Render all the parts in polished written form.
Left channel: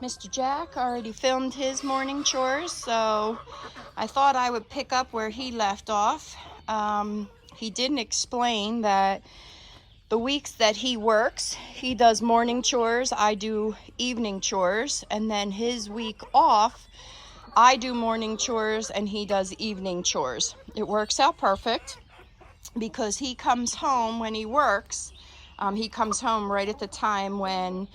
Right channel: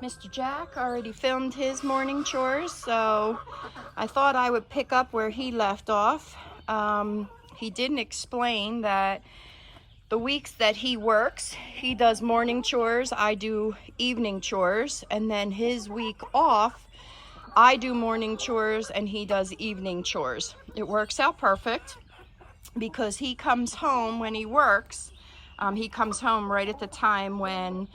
Mr. Jack already filmed his morning chores, so I thought I would pick up where he left off. He didn't explain that the weeks that he works, he does morning chores, I do evening chores, and then his week off, I do morning chores and he does evening chores. It works out perfect because he comes home when he works. He comes home right at the time when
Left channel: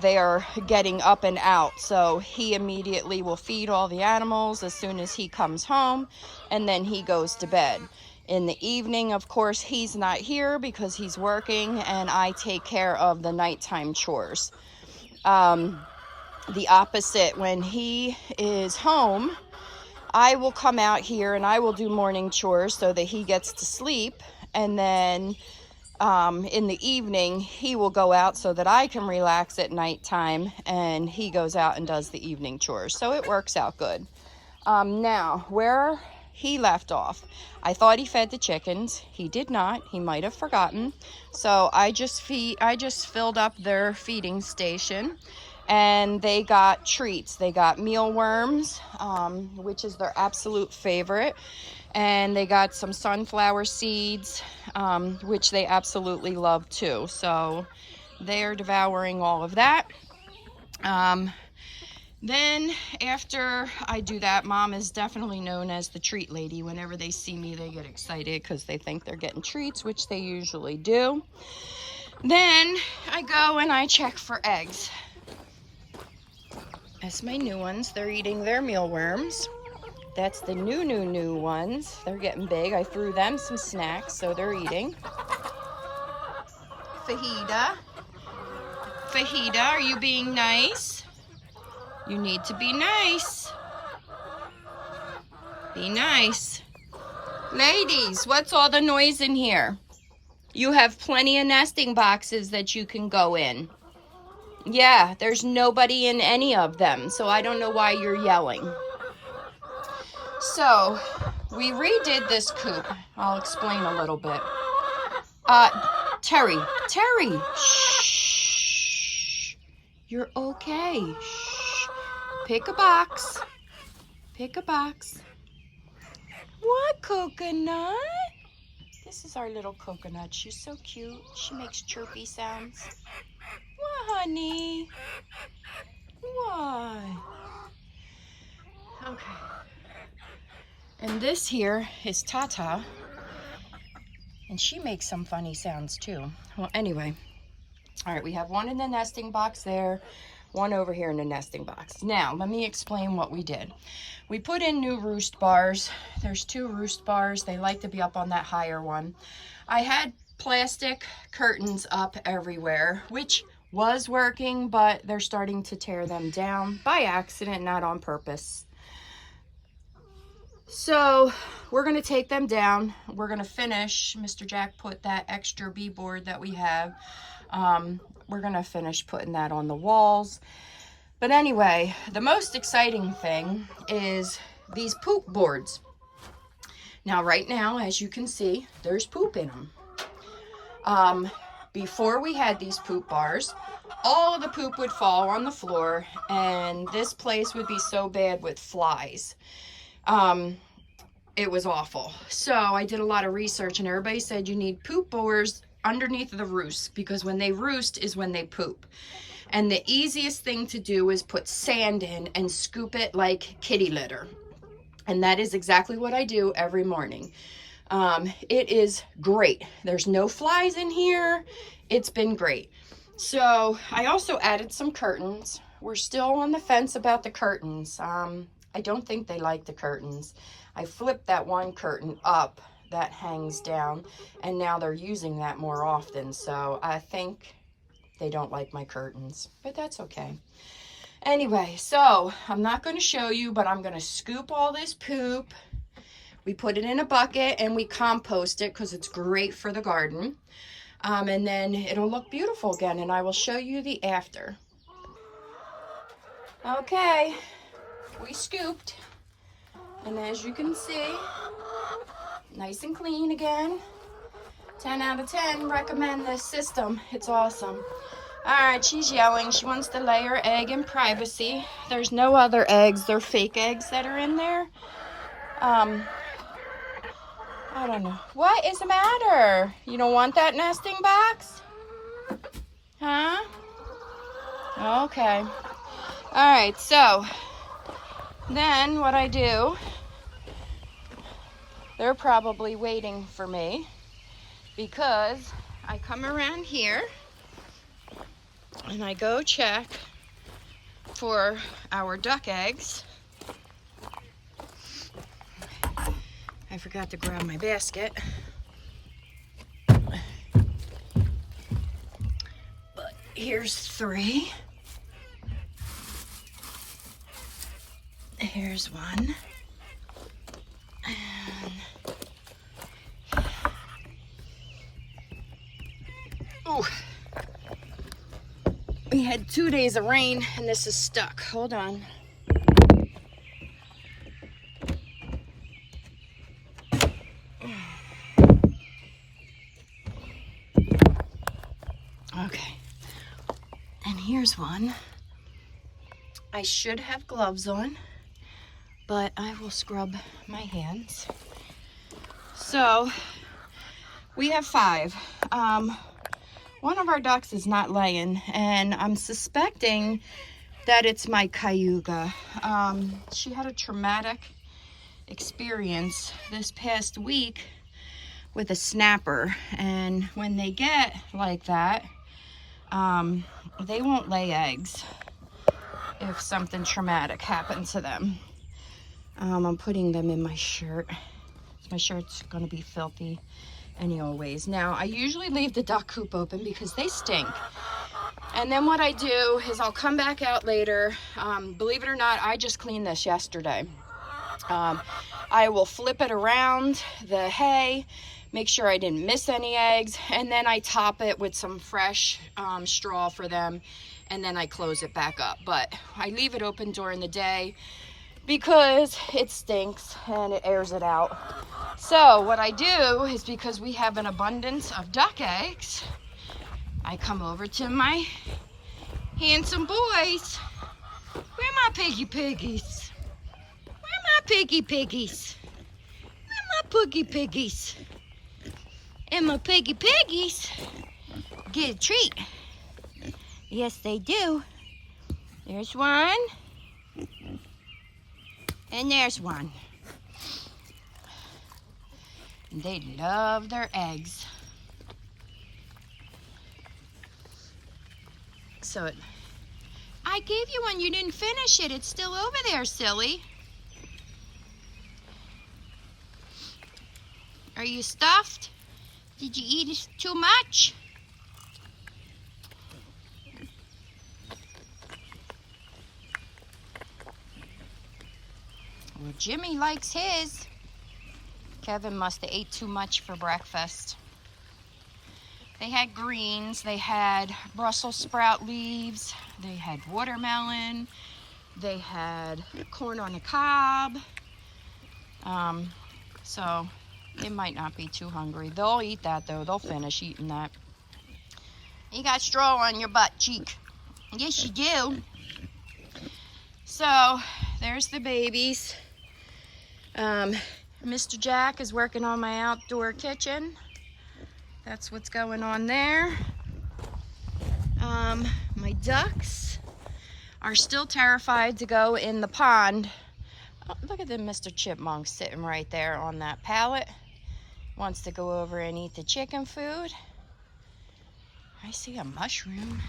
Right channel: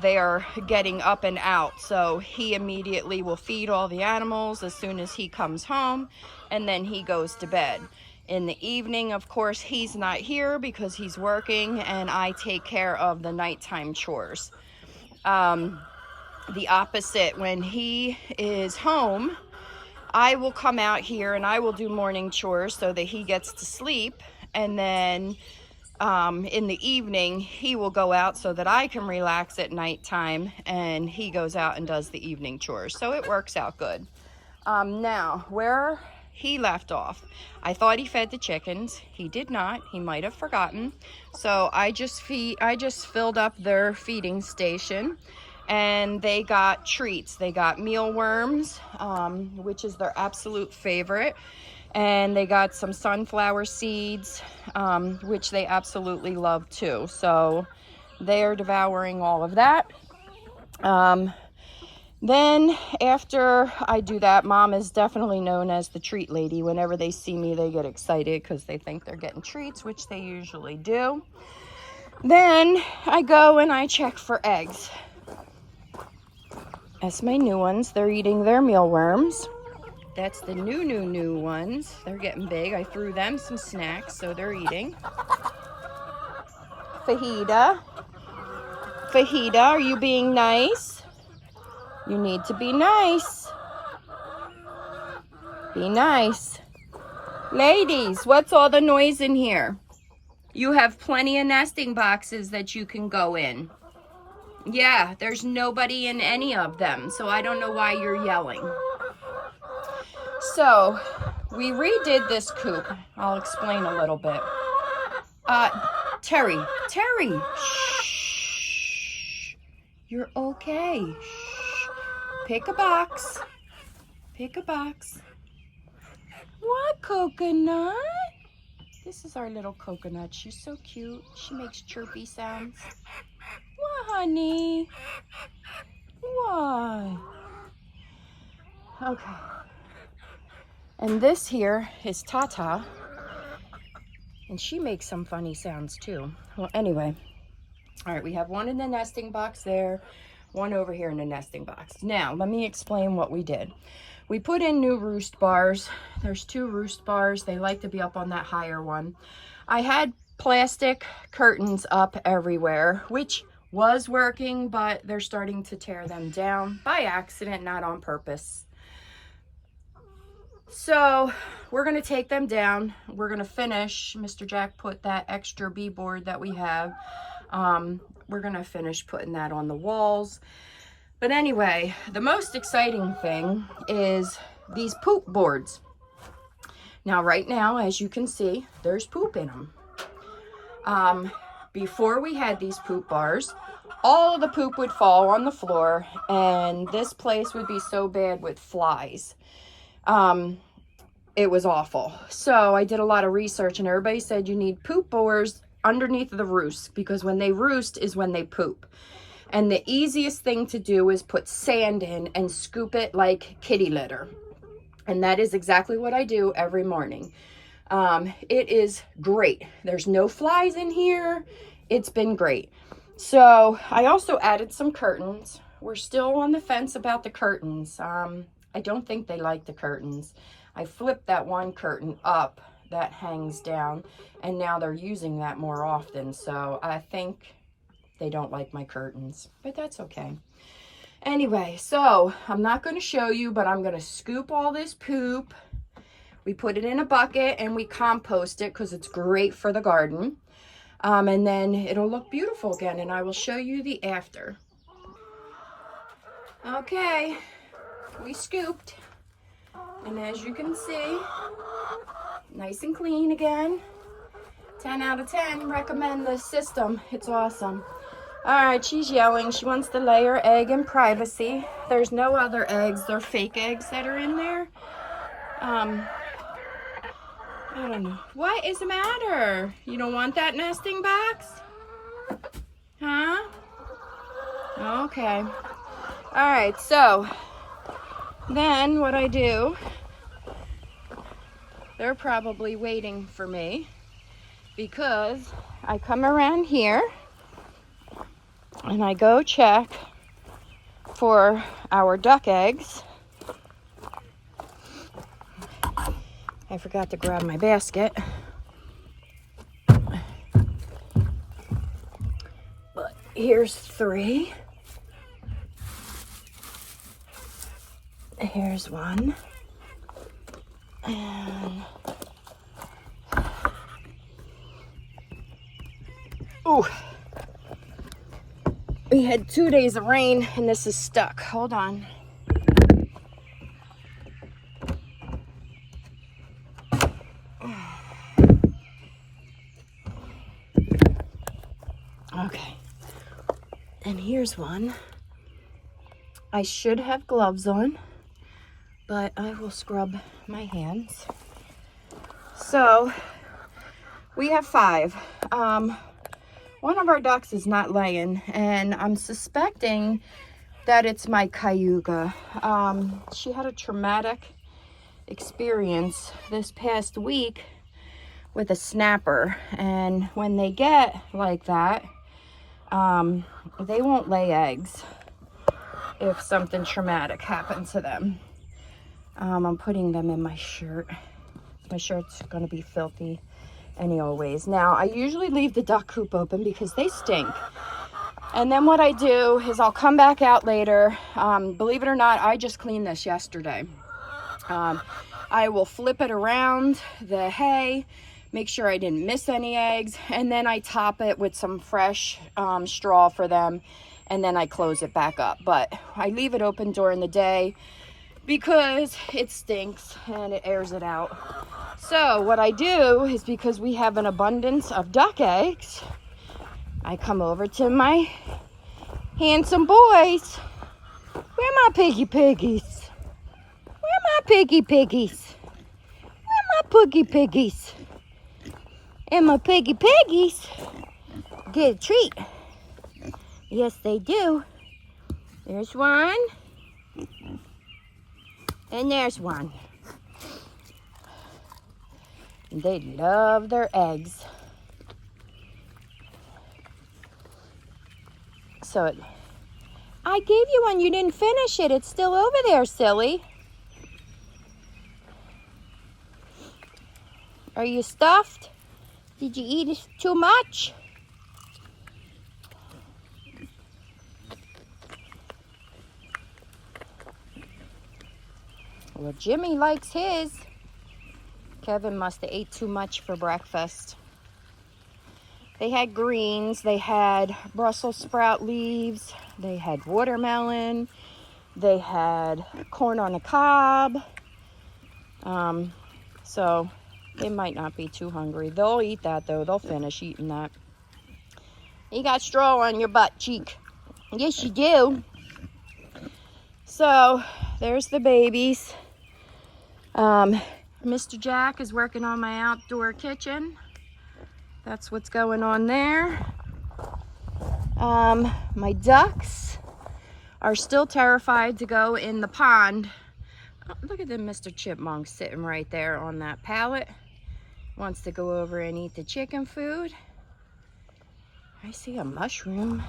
they are getting up and out. So he immediately will feed all the animals as soon as he comes home, and then he goes to bed. In the evening, of course, he's not here because he's working, and I take care of the nighttime chores. The opposite, when he is home, I will come out here and I will do morning chores so that he gets to sleep, and then in the evening he will go out so that I can relax at nighttime, and he goes out and does the evening chores. So it works out good. Now, where he left off, I thought he fed the chickens. He did not. He might have forgotten. So I just filled up their feeding station, and they got treats. They got mealworms, which is their absolute favorite, and they got some sunflower seeds, which they absolutely love too. So they are devouring all of that. Then after I do that, Mom is definitely known as the treat lady. Whenever they see me, they get excited because they think they're getting treats, which they usually do. Then I go and I check for eggs. That's my new ones. They're eating their mealworms. That's the new ones. They're getting big. I threw them some snacks, so they're eating. Fajita, are you being nice? You need to be nice. Be nice. Ladies, what's all the noise in here? You have plenty of nesting boxes that you can go in. Yeah, there's nobody in any of them, so I don't know why you're yelling. So, we redid this coop. I'll explain a little bit. Terry, shh. You're okay. Shh. Pick a box. What, Coconut? This is our little Coconut. She's so cute. She makes chirpy sounds. What, honey? What? Okay. And this here is Tata. And she makes some funny sounds too. Well, anyway. All right, we have one in the nesting box there, one over here in the nesting box. Now, let me explain what we did. We put in new roost bars. There's 2 roost bars. They like to be up on that higher one. I had plastic curtains up everywhere, which was working, but they're starting to tear them down by accident, not on purpose. So we're going to take them down. We're going to finish. Mr. Jack put that extra B-board that we have. We're going to finish putting that on the walls. But anyway, the most exciting thing is these poop boards. Now, right now, as you can see, there's poop in them. Before we had these poop bars, all of the poop would fall on the floor, and this place would be so bad with flies. It was awful. So I did a lot of research, and everybody said you need poop boards underneath the roost, because when they roost is when they poop. And the easiest thing to do is put sand in and scoop it like kitty litter. And that is exactly what I do every morning. It is great. There's no flies in here. It's been great. So I also added some curtains. We're still on the fence about the curtains. I don't think they like the curtains. I flipped that one curtain up that hangs down, and now they're using that more often. So I think they don't like my curtains, but that's okay. Anyway, so I'm not going to show you, but I'm going to scoop all this poop. We put it in a bucket and we compost it because it's great for the garden. And then it'll look beautiful again, and I will show you the after. Okay, we scooped, and as you can see, nice and clean again. 10 out of 10, recommend this system. It's awesome. All right, she's yelling. She wants to lay her egg in privacy. There's no other eggs. They're fake eggs that are in there. I don't know. What is the matter? You don't want that nesting box? Huh? Okay. All right, so then what I do, they're probably waiting for me because I come around here and I go check for our duck eggs. I forgot to grab my basket. But here's 3. Here's 1. And ooh. We had 2 days of rain and this is stuck. Hold on. Okay. And here's 1. I should have gloves on, but I will scrub my hands. So we have 5. One of our ducks is not laying, and I'm suspecting that it's my cayuga. She had a traumatic experience this past week with a snapper, and when they get like that, they won't lay eggs if something traumatic happened to them. I'm putting them in my shirt. My shirt's gonna be filthy anyways. Now, I usually leave the duck coop open because they stink. And then what I do is I'll come back out later. Believe it or not, I just cleaned this yesterday. I will flip it around the hay, make sure I didn't miss any eggs, and then I top it with some fresh straw for them, and then I close it back up. But I leave it open during the day because it stinks and it airs it out. So what I do is, because we have an abundance of duck eggs, I come over to my handsome boys. Where my piggy piggies? Where my piggy piggies? Where my piggy piggies? And my piggy piggies get a treat. Yes, they do. There's 1. And there's 1. And they love their eggs. So I gave you one. You didn't finish it. It's still over there, silly. Are you stuffed? Did you eat too much? Well, Jimmy likes his. Kevin must have ate too much for breakfast. They had greens, they had Brussels sprout leaves, they had watermelon, they had corn on the cob. So they might not be too hungry. They'll eat that though, they'll finish eating that. You got straw on your butt cheek. Yes, you do. So there's the babies. Mr. Jack is working on my outdoor kitchen. That's what's going on there. My ducks are still terrified to go in the pond. Oh, look at the Mr. Chipmunk sitting right there on that pallet. Wants to go over and eat the chicken food. I see a mushroom.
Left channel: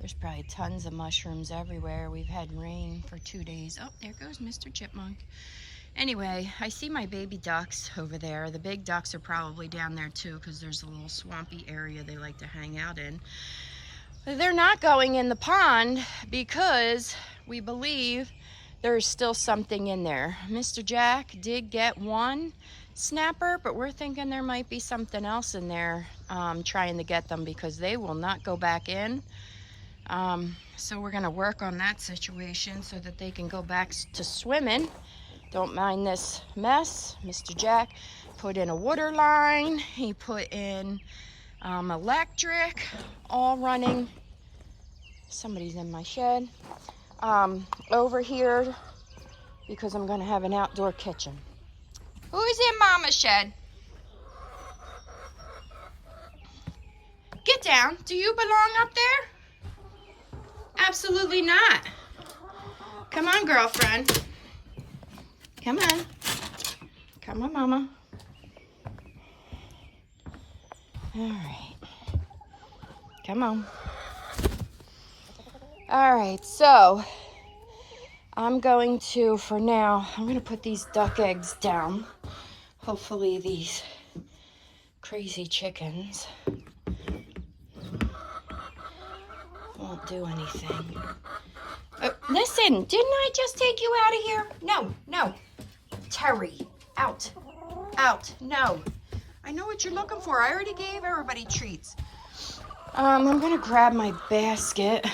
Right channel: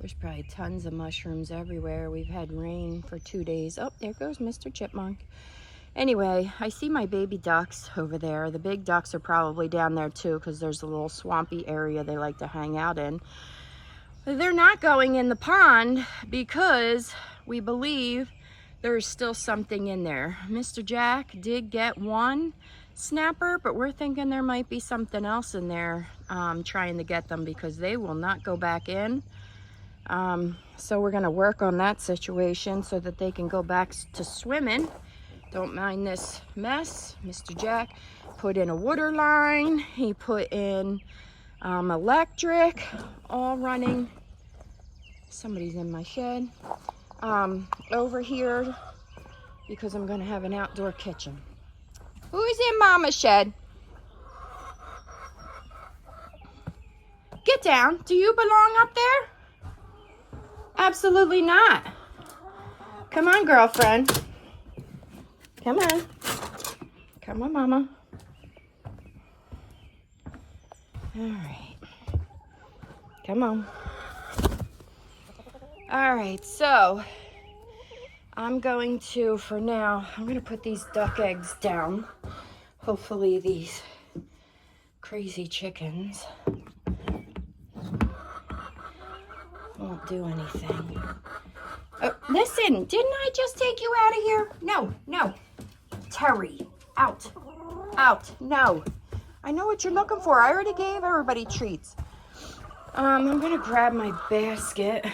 There's probably tons of mushrooms everywhere. We've had rain for 2 days. Oh, there goes Mr. Chipmunk. Anyway, I see my baby ducks over there. The big ducks are probably down there too, because there's a little swampy area they like to hang out in. But they're not going in the pond because we believe there's still something in there. Mr. Jack did get 1 snapper, but we're thinking there might be something else in there, trying to get them, because they will not go back in. So we're gonna work on that situation so that they can go back to swimming. Don't mind this mess. Mr. Jack put in a water line. He put in electric, all running. Somebody's in my shed. Over here, because I'm gonna have an outdoor kitchen. Who's in Mama's shed? Get down. Do you belong up there? Absolutely not. Come on, girlfriend. Come on. Come on, Mama. All right. Come on. All right, so I'm going to, for now, I'm going to put these duck eggs down. Hopefully these crazy chickens won't do anything. Listen, didn't I just take you out of here? No, no. Terry, out. Out. No. I know what you're looking for. I already gave everybody treats. I'm going to grab my basket.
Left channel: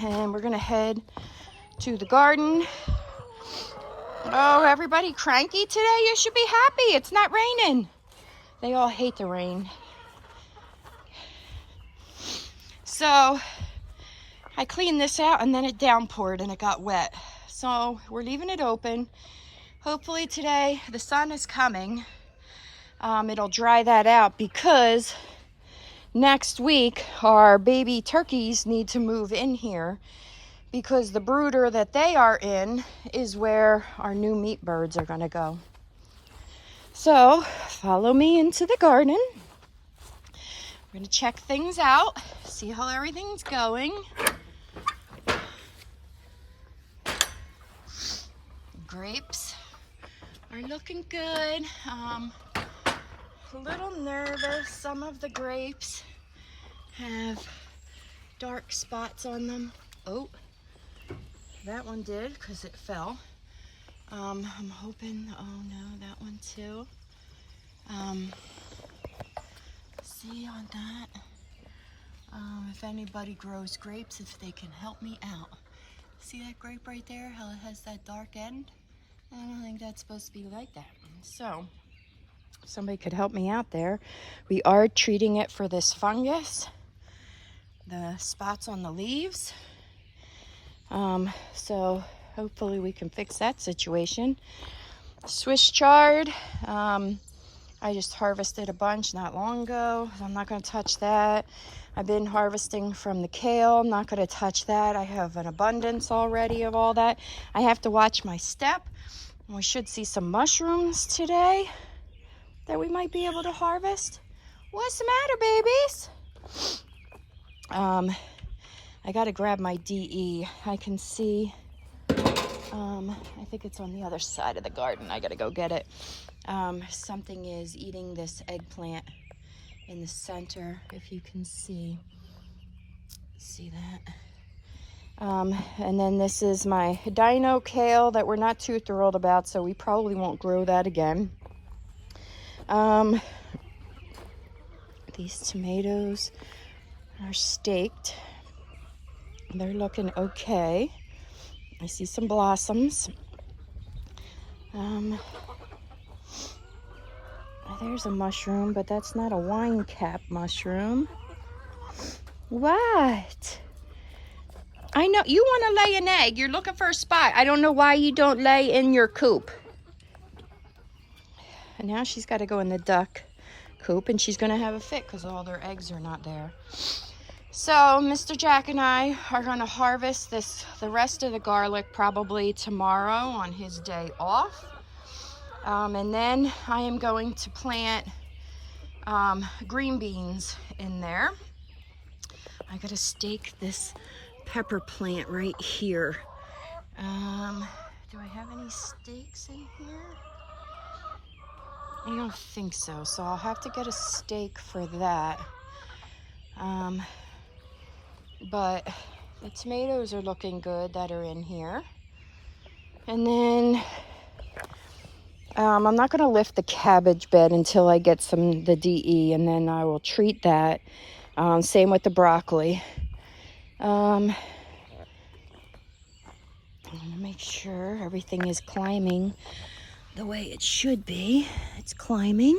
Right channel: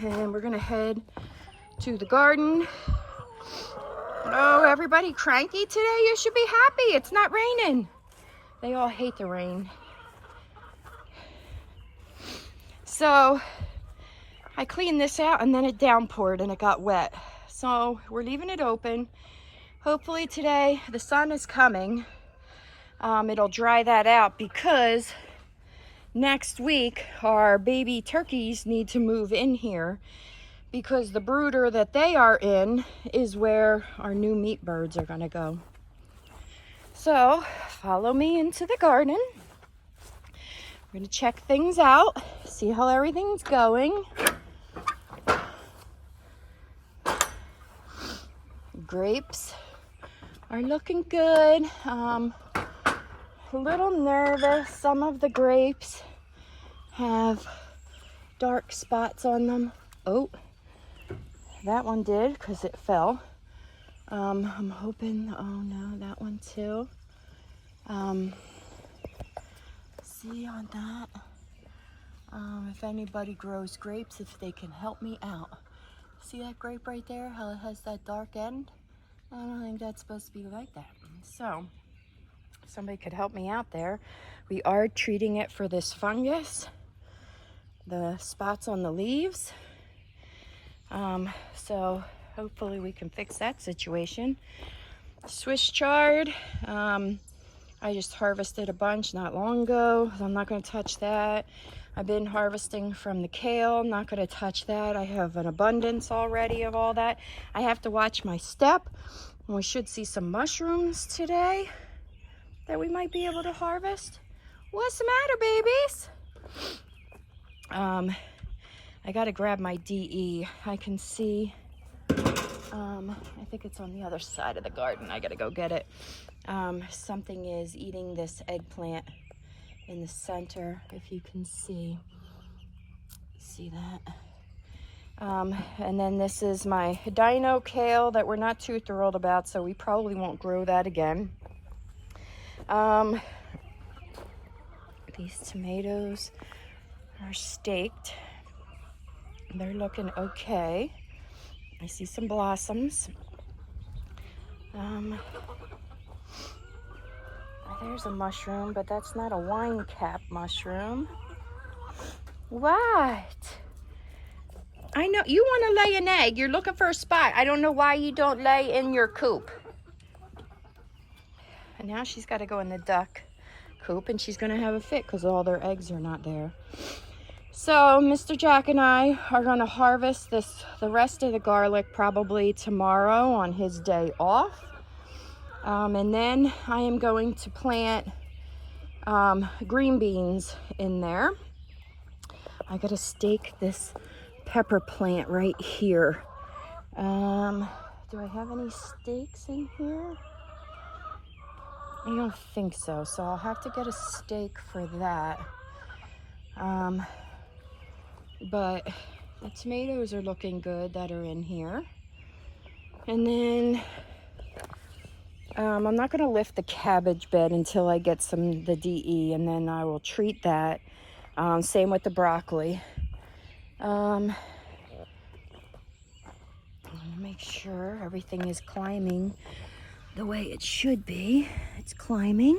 And we're going to head to the garden. Oh, everybody cranky today? You should be happy. It's not raining. They all hate the rain. So I cleaned this out and then it downpoured and it got wet. So we're leaving it open. Hopefully today the sun is coming. It'll dry that out because next week our baby turkeys need to move in here because the brooder that they are in is where our new meat birds are going to go. So follow me into the garden. We're going to check things out, see how everything's going. Grapes are looking good. A little nervous. Some of the grapes have dark spots on them. Oh, that one did because it fell. I'm hoping, oh no, that one too. See on that. If anybody grows grapes, if they can help me out. See that grape right there, how it has that dark end? I don't think that's supposed to be like that. So, if somebody could help me out there. We are treating it for this fungus, the spots on the leaves. So hopefully we can fix that situation. Swiss chard, I just harvested a bunch not long ago. I'm not going to touch that. I've been harvesting from the kale. I'm not going to touch that. I have an abundance already of all that. I have to watch my step. We should see some mushrooms today that we might be able to harvest. What's the matter, babies? I got to grab my DE. I can see, I think it's on the other side of the garden. I got to go get it. Something is eating this eggplant in the center, if you can see that. And then this is my dino kale that we're not too thrilled about, so we probably won't grow that again. These tomatoes are staked. They're looking okay. I see some blossoms. There's a mushroom, but that's not a wine cap mushroom. What? I know you want to lay an egg. You're looking for a spot. I don't know why you don't lay in your coop. And now she's got to go in the duck coop, and she's going to have a fit because all their eggs are not there. So Mr. Jack and I are going to harvest the rest of the garlic probably tomorrow on his day off. And then I am going to plant green beans in there. I got to stake this pepper plant right here. Do I have any stakes in here? I don't think so. So I'll have to get a stake for that. But the tomatoes are looking good that are in here. And then I'm not going to lift the cabbage bed until I get the DE, and then I will treat that. Same with the broccoli. Make sure everything is climbing the way it should be. It's climbing.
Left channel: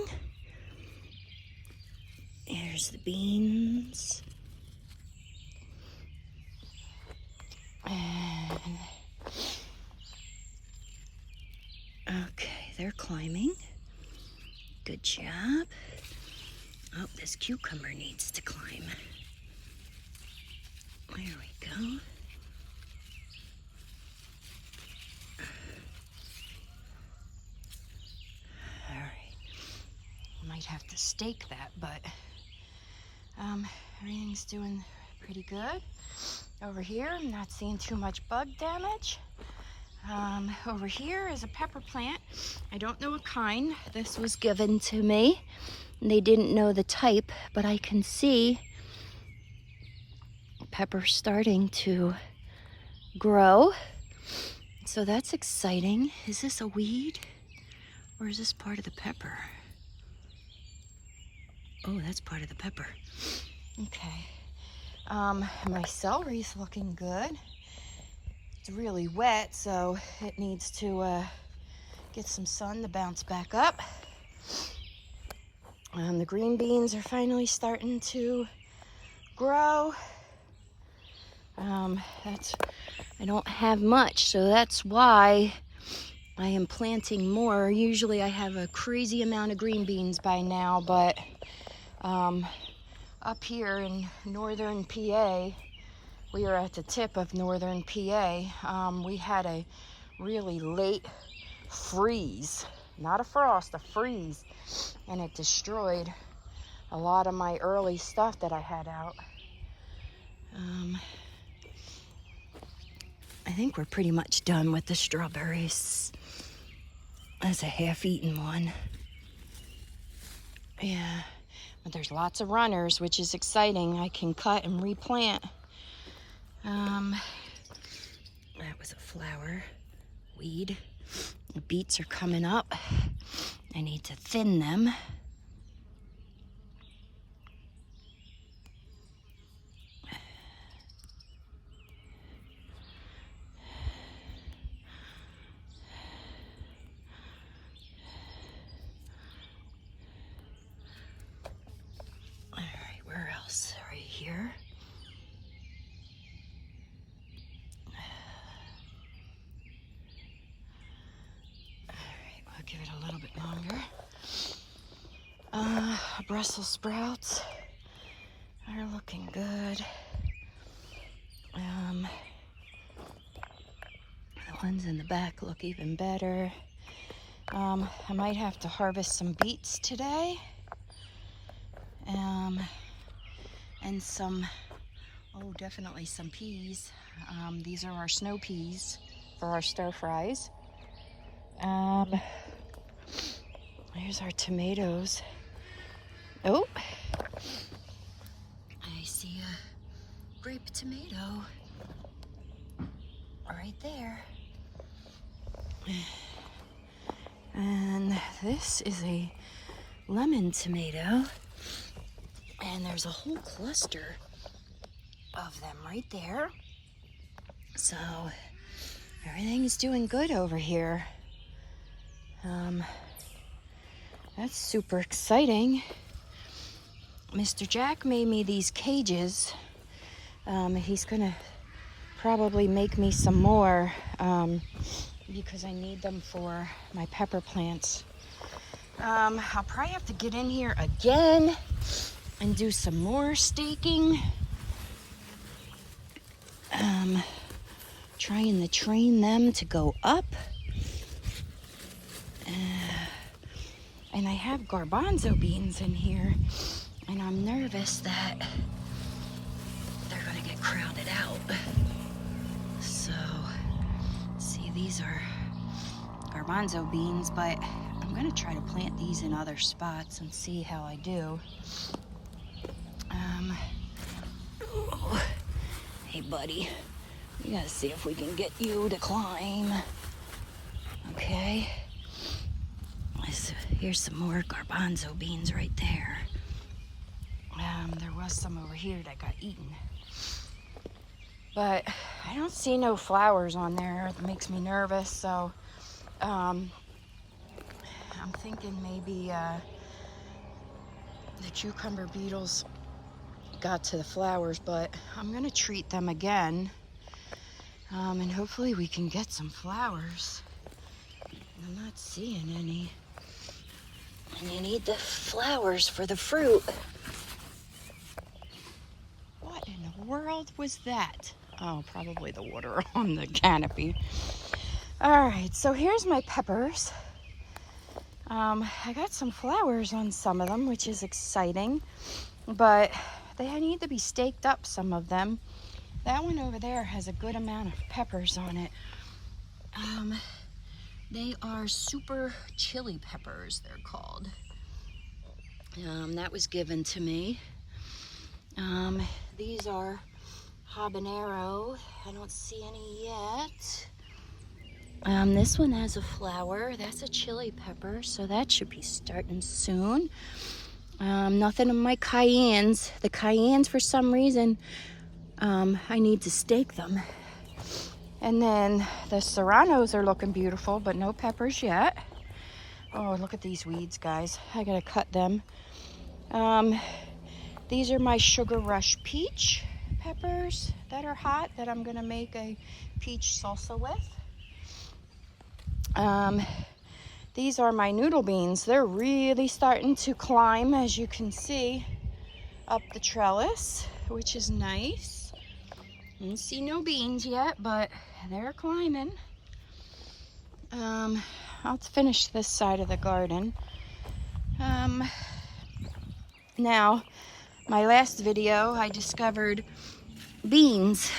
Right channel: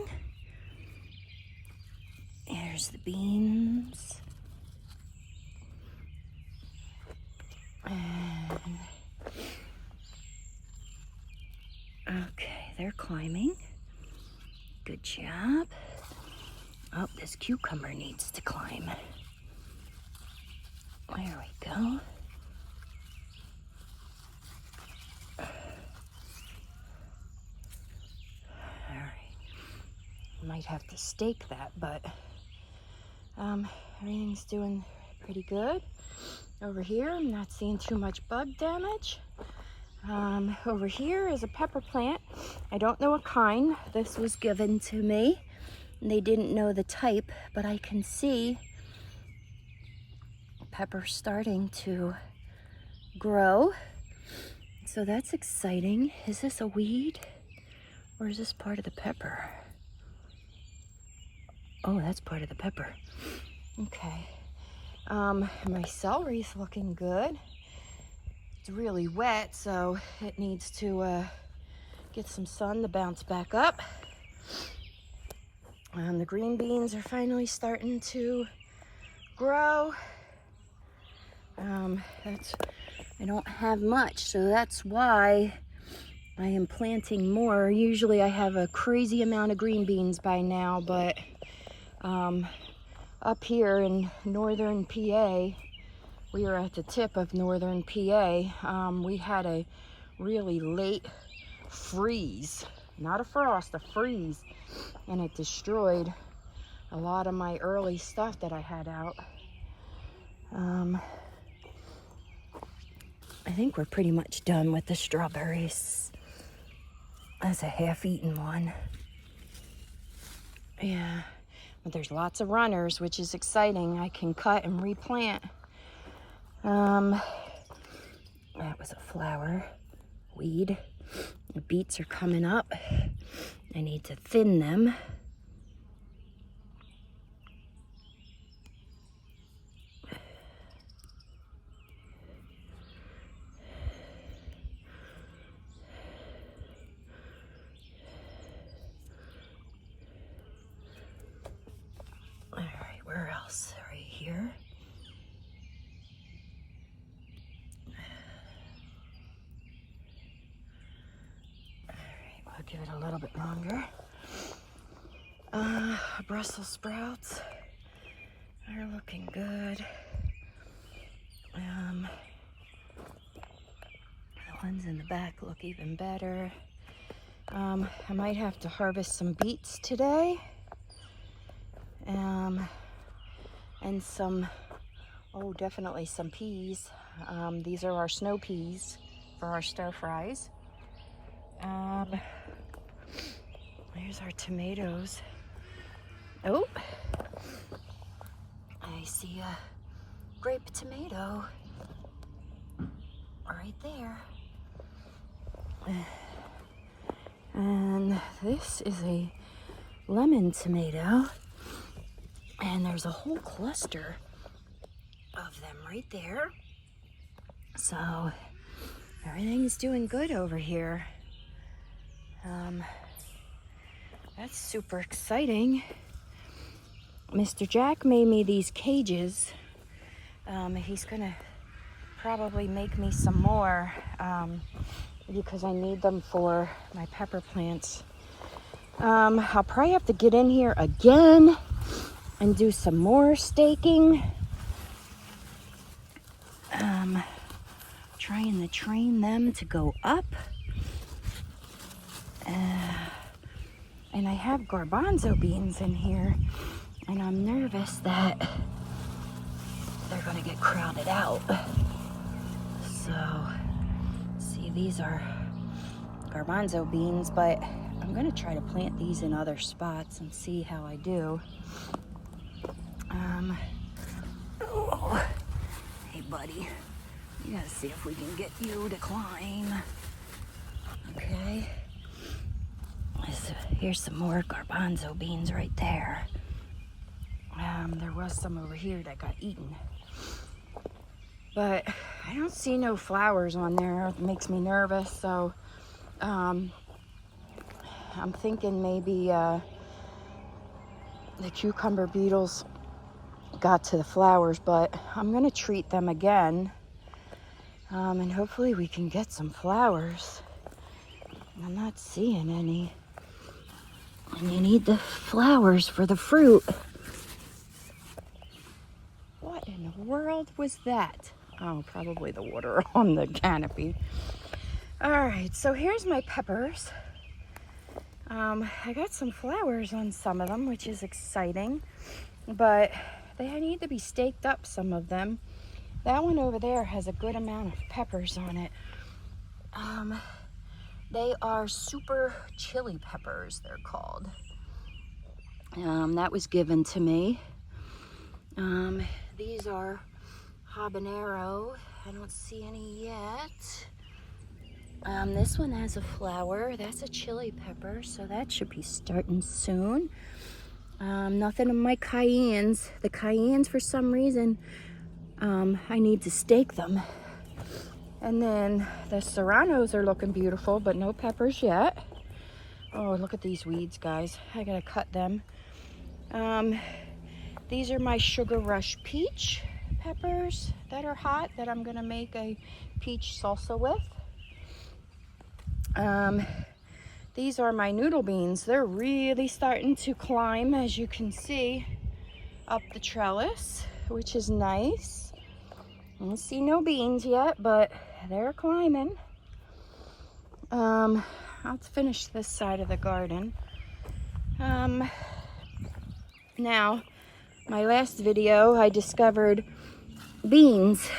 There's the beans. And okay, they're climbing. Good job. Oh, this cucumber needs to climb. There we go. All right. Might have to stake that, but everything's doing pretty good. Over here, I'm not seeing too much bug damage. Over here is a pepper plant. I don't know what kind. This was given to me. They didn't know the type, but I can see pepper starting to grow. So that's exciting. Is this a weed or is this part of the pepper? Oh, that's part of the pepper. Okay. My celery's looking good. It's really wet, so it needs to get some sun to bounce back up. The green beans are finally starting to grow. I don't have much, so that's why I am planting more. Usually I have a crazy amount of green beans by now, but up here in northern PA, we are at the tip of northern PA. We had a really late freeze, not a frost, a freeze, and it destroyed a lot of my early stuff that I had out. I think we're pretty much done with the strawberries. That's a half-eaten one. Yeah, but there's lots of runners, which is exciting. I can cut and replant. That was a flower weed. The beets are coming up. I need to thin them. All right, where else? Right here. I'll give it a little bit longer. Brussels sprouts are looking good. The ones in the back look even better. I might have to harvest some beets today. And some, oh, definitely some peas. These are our snow peas for our stir fries. There's our tomatoes. Oh, I see a grape tomato right there. And this is a lemon tomato. And there's a whole cluster of them right there. So everything's doing good over here. That's super exciting. Mr. Jack made me these cages. He's gonna probably make me some more because I need them for my pepper plants. I'll probably have to get in here again and do some more staking. Trying to train them to go up. And I have garbanzo beans in here, and I'm nervous that they're gonna get crowded out. So, see, these are garbanzo beans, but I'm gonna try to plant these in other spots and see how I do. Oh, hey buddy, we gotta see if we can get you to climb. Okay. So here's some more garbanzo beans right there. There was some over here that got eaten. But I don't see no flowers on there. It makes me nervous, so I'm thinking maybe the cucumber beetles got to the flowers, but I'm gonna treat them again, and hopefully we can get some flowers. I'm not seeing any, and you need the flowers for the fruit. What in the world was that? Oh, probably the water on the canopy. All right, so here's my peppers. I got some flowers on some of them, which is exciting, but they need to be staked up, some of them. That one over there has a good amount of peppers on it. They are super chili peppers, they're called. That was given to me. These are habanero. I don't see any yet. This one has a flower. That's a chili pepper, so that should be starting soon. Nothing on my cayennes. The cayennes, for some reason, I need to stake them. And then the serranos are looking beautiful, but no peppers yet. Oh, look at these weeds, guys. I gotta cut them. These are my Sugar Rush peach peppers that are hot, that I'm gonna make a peach salsa with. These are my noodle beans. They're really starting to climb, as you can see, up the trellis, which is nice. I don't see no beans yet, but they're climbing. I'll finish this side of the garden. Now, my last video, I discovered beans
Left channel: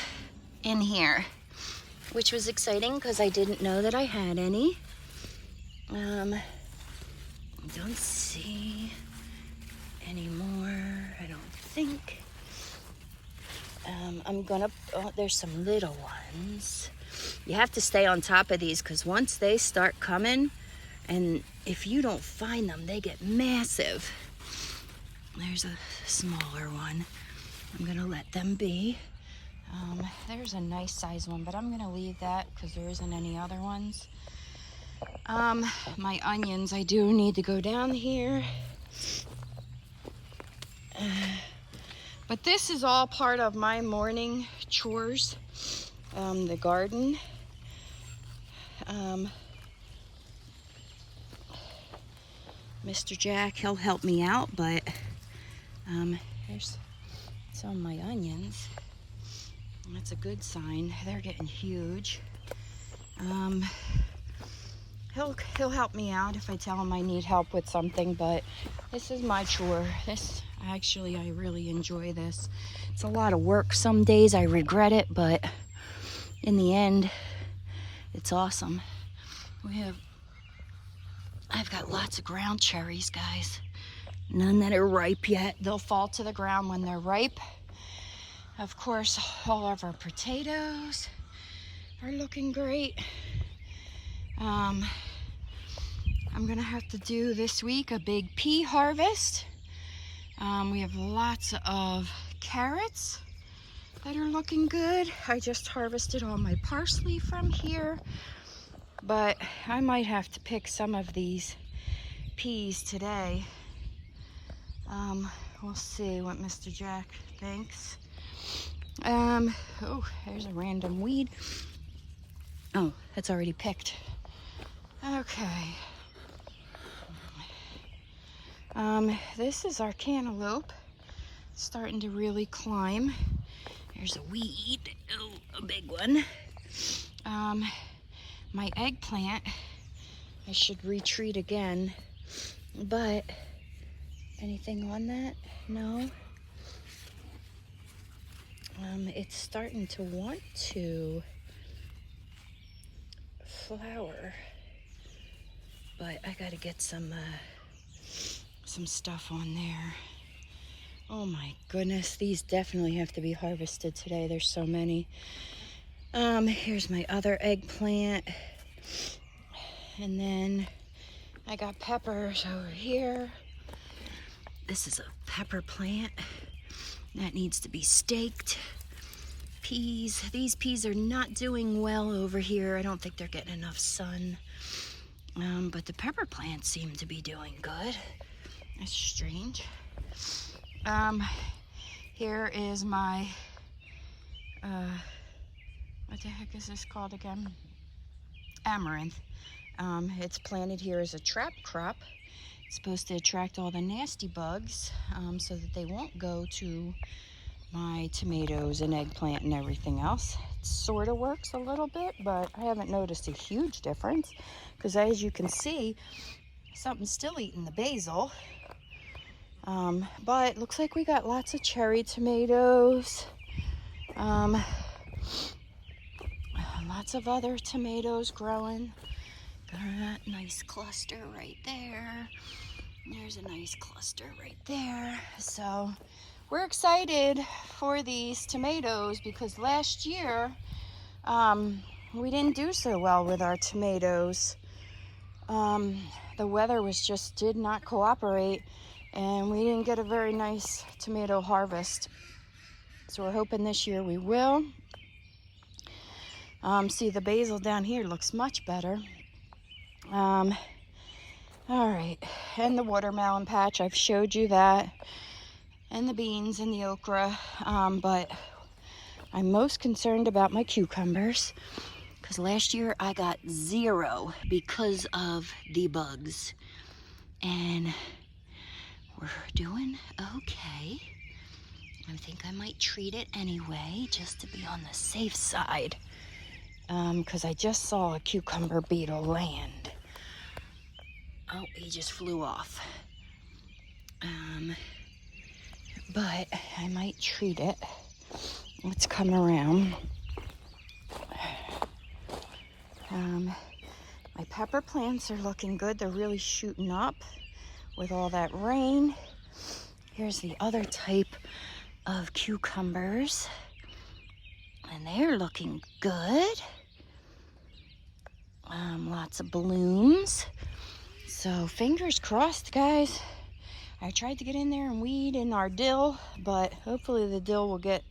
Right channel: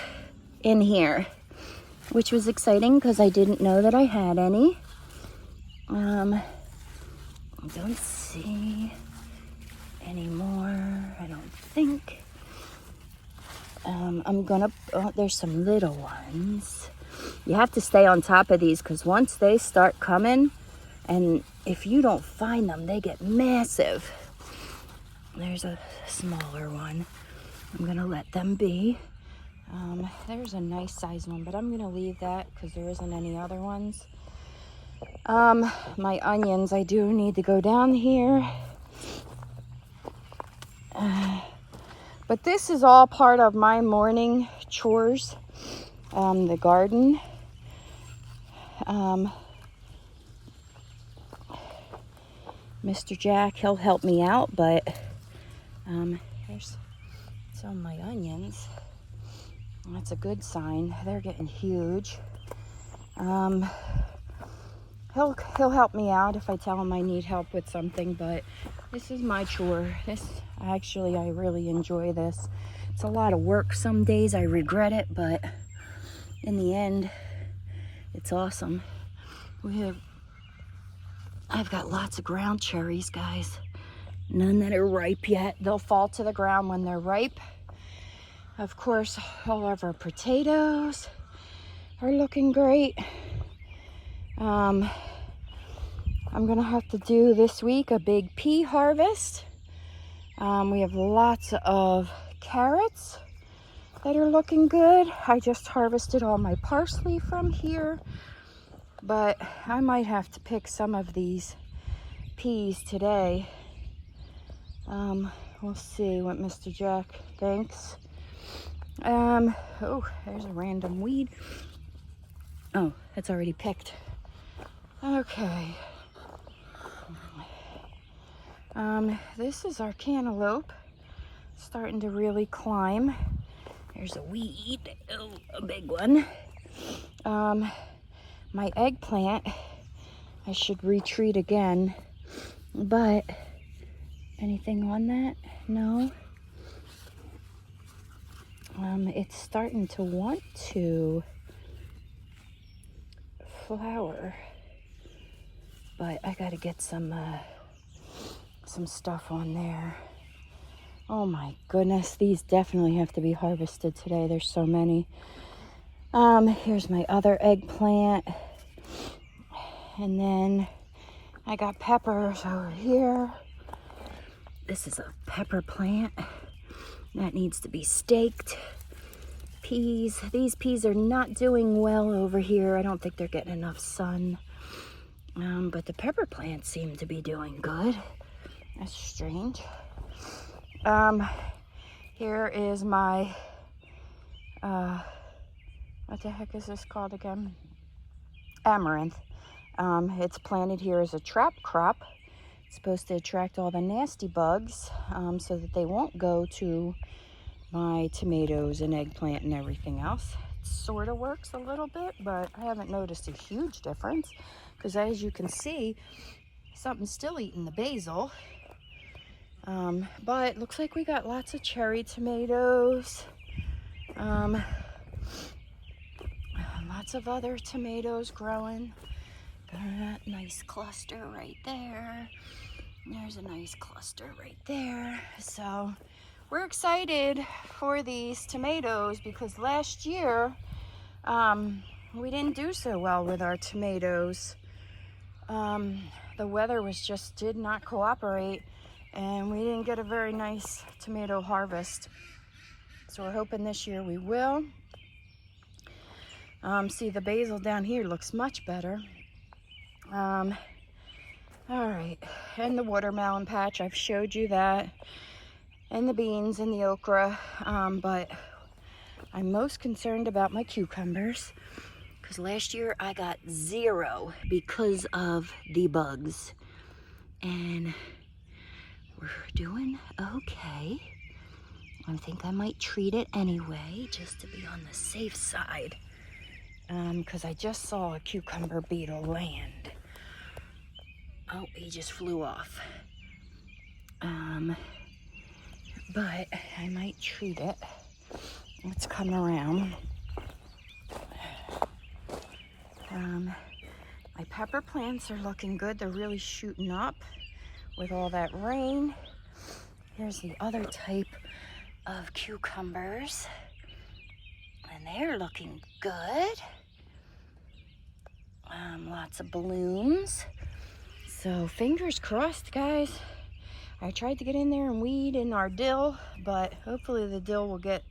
in here, which was exciting because I didn't know that I had any. I don't see any more, I don't think. There's some little ones. You have to stay on top of these because once they start coming, and if you don't find them, they get massive. There's a smaller one. I'm gonna let them be. There's a nice size one, but I'm gonna leave that because there isn't any other ones. My onions, I do need to go down here. But this is all part of my morning chores, the garden. Mr. Jack, he'll help me out, but here's some of my onions. That's a good sign. They're getting huge. He'll help me out if I tell him I need help with something, but this is my chore. I really enjoy this. It's a lot of work. Some days I regret it, but in the end, it's awesome. I've got lots of ground cherries, guys. None that are ripe yet. They'll fall to the ground when they're ripe. Of course, all of our potatoes are looking great. I'm gonna have to do this week a big pea harvest. We have lots of carrots that are looking good. I just harvested all my parsley from here, but I might have to pick some of these peas today. We'll see what Mr. Jack thinks. Oh, there's a random weed. Oh, that's already picked. Okay. This is our cantaloupe, starting to really climb. There's a weed, oh, a big one. My eggplant, I should retreat again, but anything on that? No. It's starting to want to flower, but I gotta get some stuff on there. Oh my goodness, these definitely have to be harvested today. There's so many. Here's my other eggplant. And then I got peppers over here. This is a pepper plant that needs to be staked. Peas, these peas are not doing well over here. I don't think they're getting enough sun. But the pepper plants seem to be doing good. That's strange. Here is my, what the heck is this called again? Amaranth. It's planted here as a trap crop. It's supposed to attract all the nasty bugs so that they won't go to my tomatoes and eggplant and everything else. It sort of works a little bit, but I haven't noticed a huge difference because as you can see, something's still eating the basil. But it looks like we got lots of cherry tomatoes. Lots of other tomatoes growing. Got that nice cluster right there. There's a nice cluster right there. So we're excited for these tomatoes because last year we didn't do so well with our tomatoes. The weather did not cooperate, and we didn't get a very nice tomato harvest. So we're hoping this year we will. See, the basil down here looks much better. All right, and the watermelon patch, I've showed you that, and the beans and the okra, but I'm most concerned about my cucumbers because last year I got 0 because of the bugs, and we're doing okay. I think I might treat it anyway just to be on the safe side, because I just saw a cucumber beetle land. Oh, he just flew off. But I might treat it. Let's come around. My pepper plants are looking good. They're really shooting up with all that rain. Here's the other type of cucumbers, and they're looking good. Lots of blooms. So fingers crossed, guys. I tried to get in there and weed in our dill, but hopefully the dill will get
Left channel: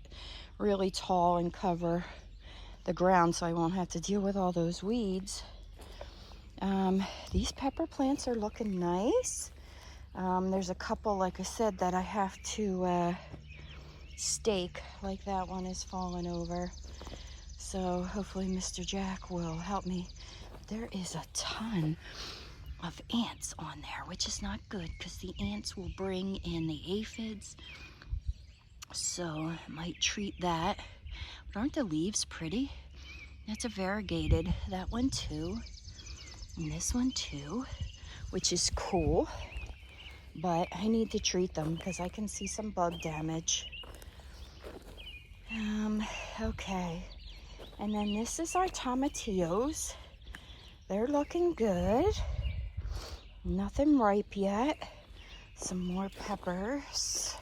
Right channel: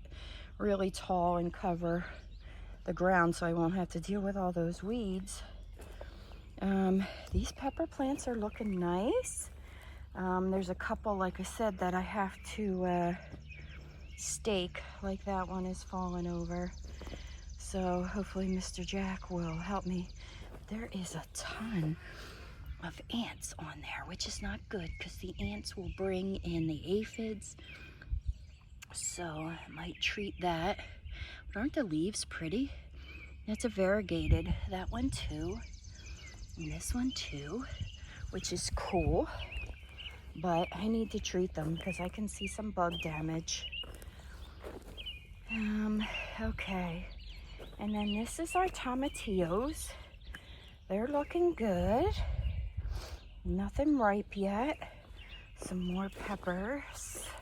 really tall and cover the ground so I won't have to deal with all those weeds. These pepper plants are looking nice. There's a couple, like I said, that I have to stake, like that one is falling over. So hopefully Mr. Jack will help me. There is a ton of ants on there, which is not good because the ants will bring in the aphids. So I might treat that. But aren't the leaves pretty? That's a variegated, that one too. And this one too, which is cool. But I need to treat them because I can see some bug damage. Okay. And then this is our tomatillos. They're looking good. Nothing ripe yet. Some more peppers.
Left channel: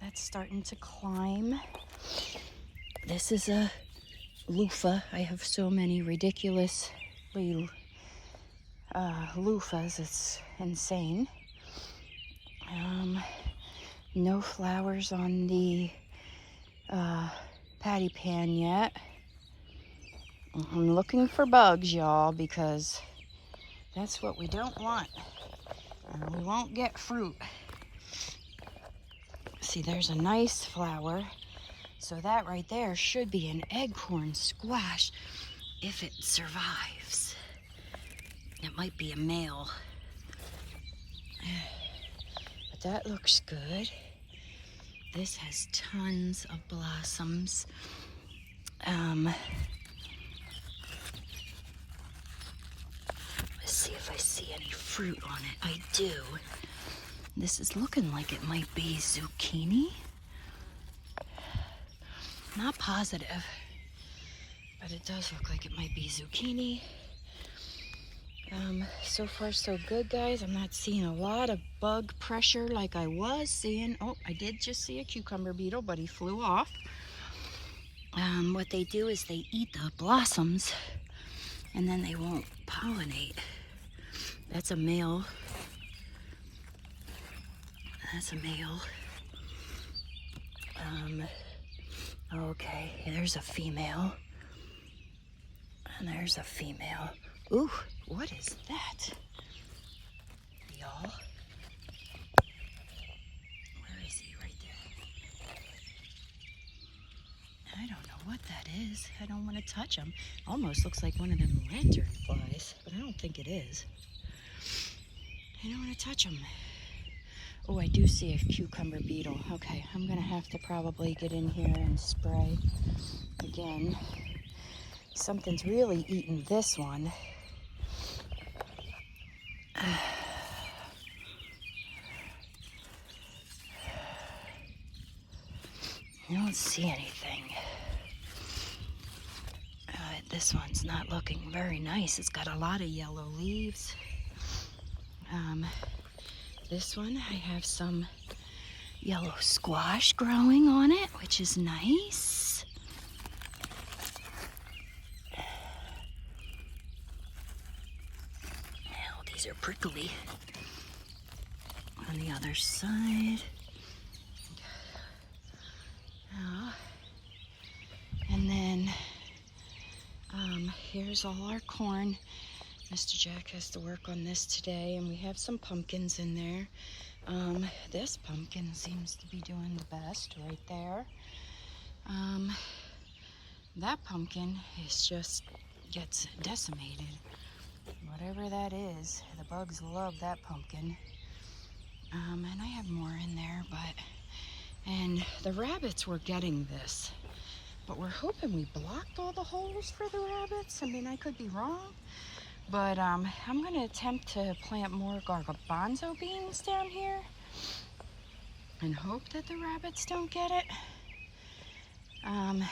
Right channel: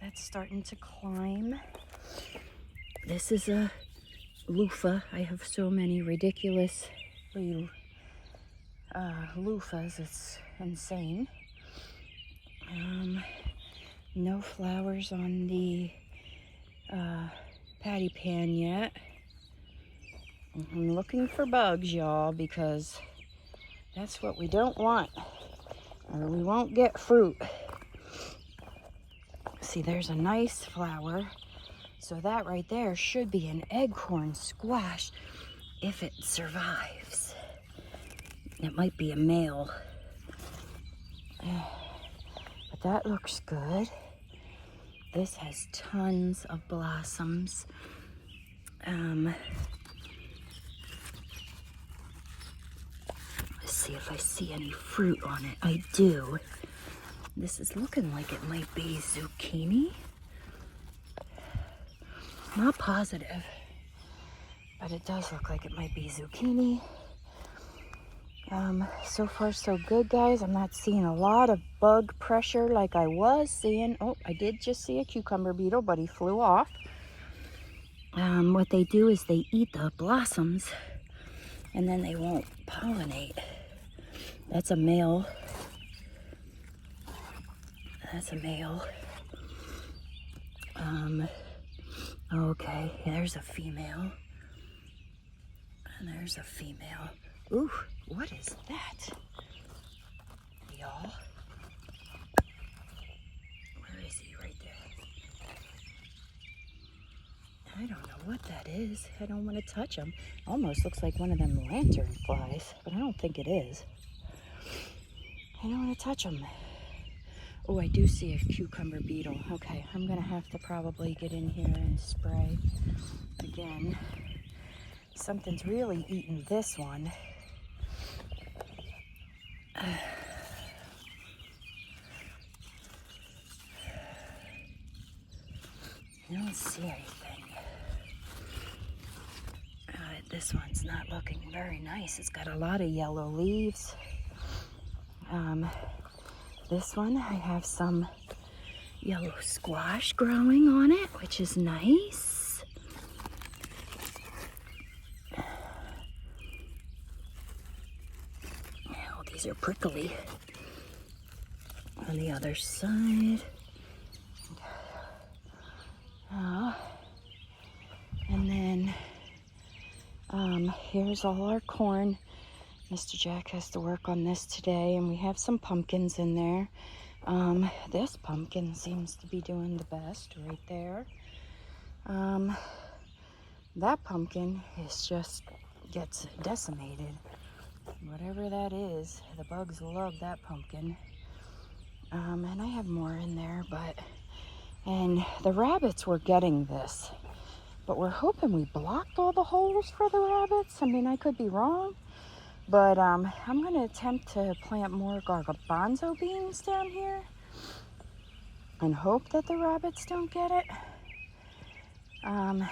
That's starting to climb. This is a loofah. I have so many ridiculous loofahs. It's insane. No flowers on the patty pan yet. I'm looking for bugs, y'all, because that's what we don't want, or we won't get fruit. See, there's a nice flower. So that right there should be an acorn squash if it survives. It might be a male. But that looks good. This has tons of blossoms. Let's see if I see any fruit on it. I do. This is looking like it might be zucchini. Not positive, but it does look like it might be zucchini. So far so good, guys. I'm not seeing a lot of bug pressure like I was seeing. Oh, I did just see a cucumber beetle, but he flew off. What they do is they eat the blossoms and then they won't pollinate. That's a male. That's a male. Okay, there's a female. And there's a female. Ooh, what is that? Y'all. Where is he? Right there. I don't know what that is. I don't want to touch him. Almost looks like one of them lantern flies, but I don't think it is. I don't want to touch him. Oh, I do see a cucumber beetle. Okay, I'm going to have to probably get in here and spray again. Something's really eating this one. I don't see anything. This one's not looking very nice. It's got a lot of yellow leaves. This one, I have some yellow squash growing on it, which is nice. Now, these are prickly. On the other side. And then here's all our corn. Mr. Jack has to work on this today, and we have some pumpkins in there. This pumpkin seems to be doing the best right there. That pumpkin gets decimated. Whatever that is, the bugs love that pumpkin. And I have more in there, and the rabbits were getting this. But we're hoping we blocked all the holes for the rabbits. I mean, I could be wrong. But I'm going to attempt to plant more garbanzo beans down here and hope that the rabbits don't get it. And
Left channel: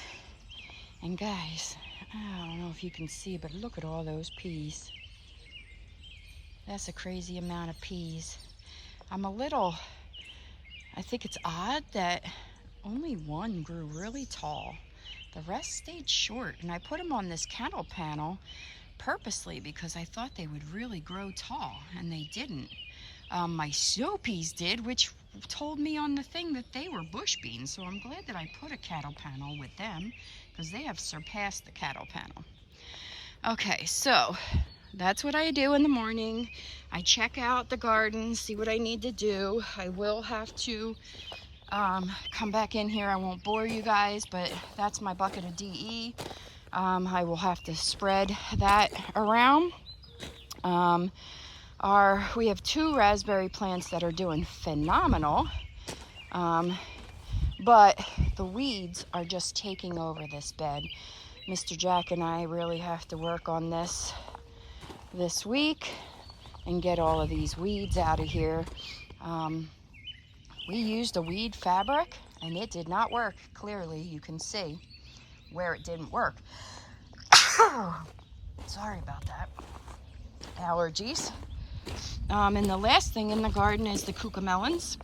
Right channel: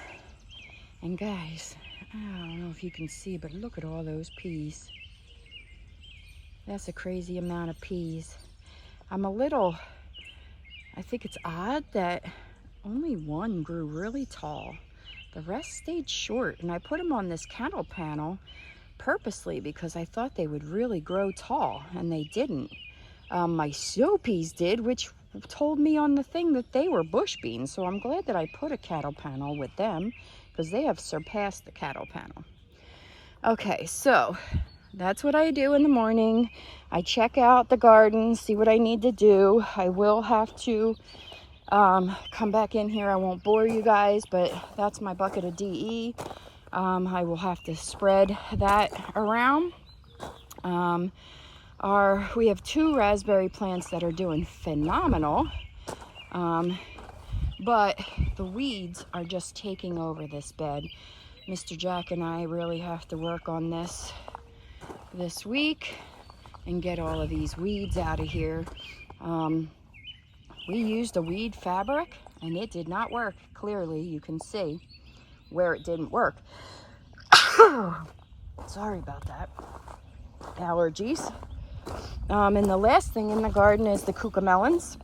guys, I don't know if you can see, but look at all those peas. That's a crazy amount of peas. I think it's odd that only one grew really tall. The rest stayed short, and I put them on this cattle panel purposely because I thought they would really grow tall, and they didn't. My snow peas did, which told me on the thing that they were bush beans, so I'm glad that I put a cattle panel with them because they have surpassed the cattle panel. Okay, so that's what I do in the morning. I check out the garden, see what I need to do. I will have to come back in here. I won't bore you guys, but that's my bucket of DE. I will have to spread that around. We have 2 raspberry plants that are doing phenomenal, but the weeds are just taking over this bed. Mr. Jack and I really have to work on this week and get all of these weeds out of here. We used a weed fabric and it did not work. Clearly, you can see where it didn't work. Sorry about that. Allergies. And the last thing in the garden is the cucamelons.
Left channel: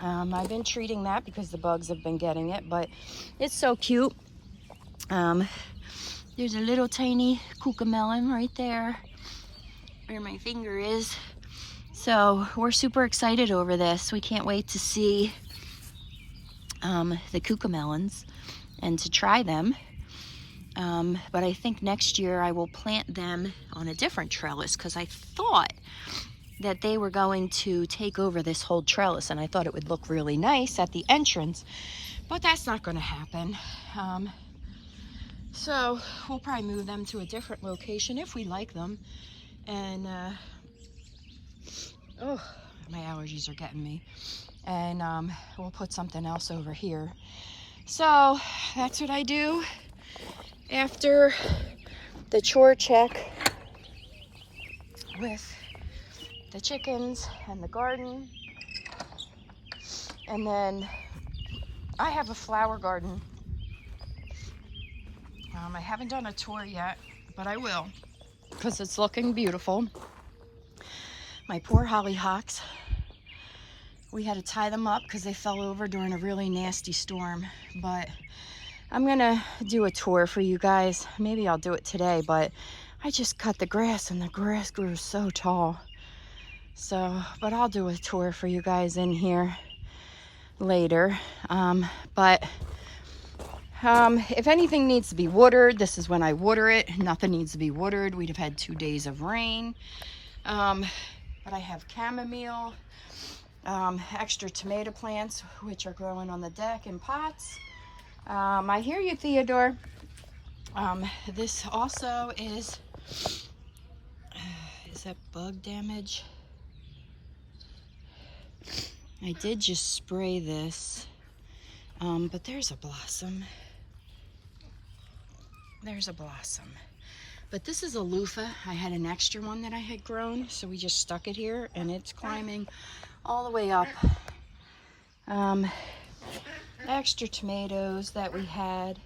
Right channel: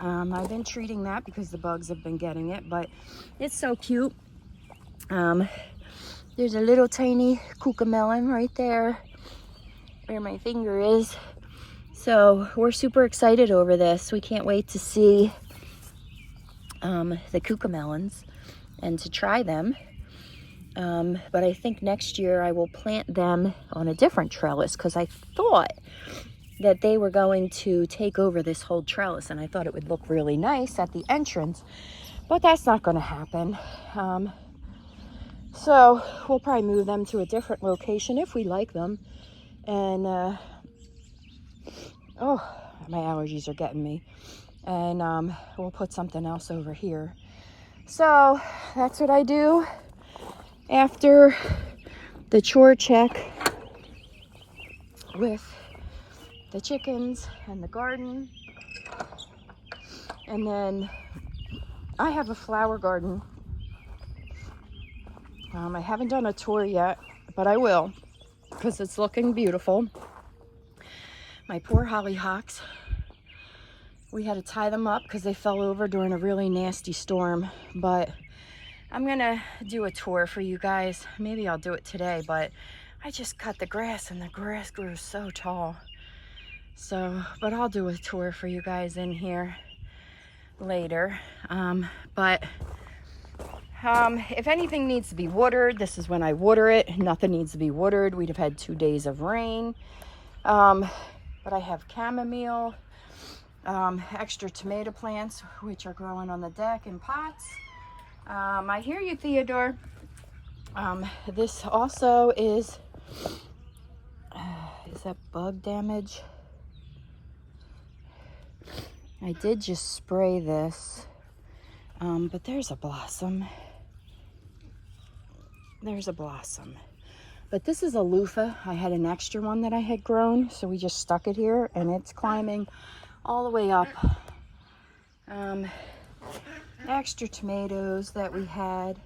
I've been treating that because the bugs have been getting it, but it's so cute. There's a little tiny cucamelon right there where my finger is. So we're super excited over this. We can't wait to see the cucamelons and to try them. But I think next year I will plant them on a different trellis because I thought that they were going to take over this whole trellis, and I thought it would look really nice at the entrance, but that's not going to happen. So we'll probably move them to a different location if we like them. And oh, my allergies are getting me. And we'll put something else over here. So that's what I do after the chore check with the chickens and the garden. And then I have a flower garden. I haven't done a tour yet, but I will because it's looking beautiful. My poor hollyhocks. We had to tie them up because they fell over during a really nasty storm, but I'm gonna do a tour for you guys. Maybe I'll do it today, but I just cut the grass and the grass grew so tall. So, but I'll do a tour for you guys in here later. But If anything needs to be watered, this is when I water it. Nothing needs to be watered. We'd have had 2 days of rain. But I have chamomile, extra tomato plants, which are growing on the deck in pots. I hear you, Theodore. This also is that bug damage? I did just spray this, but there's a blossom. There's a blossom. But this is a loofah. I had an extra one that I had grown, so we just stuck it here, and it's climbing all the way up. Extra tomatoes that we had.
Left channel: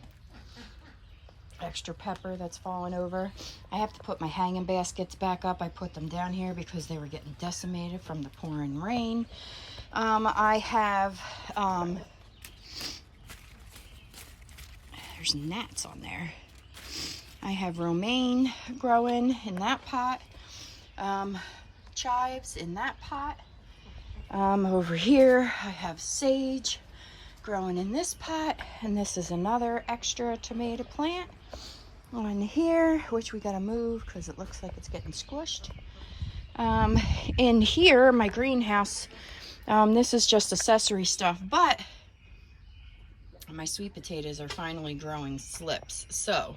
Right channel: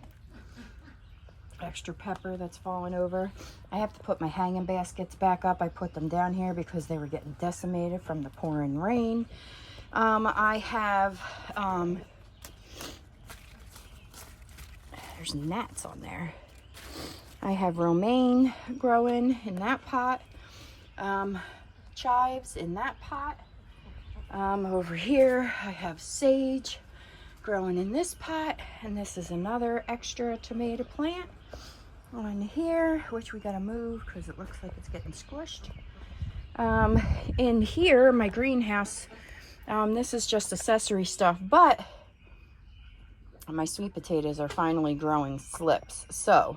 Extra pepper that's fallen over. I have to put my hanging baskets back up. I put them down here because they were getting decimated from the pouring rain. I have, there's gnats on there. I have romaine growing in that pot, chives in that pot. Over here I have sage growing in this pot, and this is another extra tomato plant on here, which we gotta move because it looks like it's getting squished. In here, my greenhouse, this is just accessory stuff, but my sweet potatoes are finally growing slips. So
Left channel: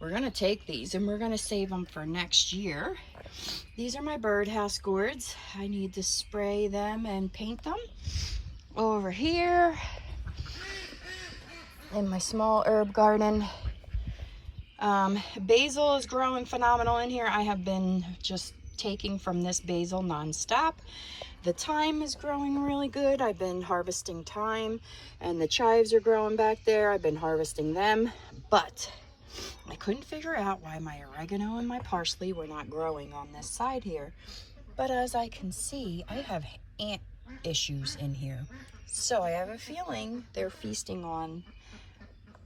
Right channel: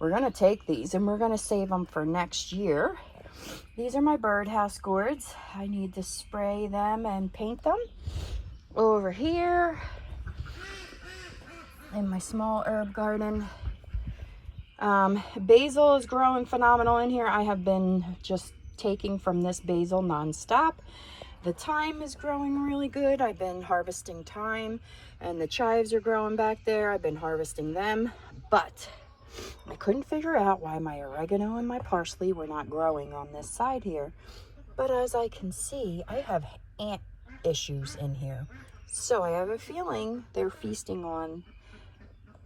we're gonna take these and we're gonna save them for next year. These are my birdhouse gourds. I need to spray them and paint them. Over here in my small herb garden, basil is growing phenomenal in here. I have been just taking from this basil nonstop. The thyme is growing really good. I've been harvesting thyme, and the chives are growing back there. I've been harvesting them, but I couldn't figure out why my oregano and my parsley were not growing on this side here. But as I can see, I have ant issues in here. So I have a feeling they're feasting on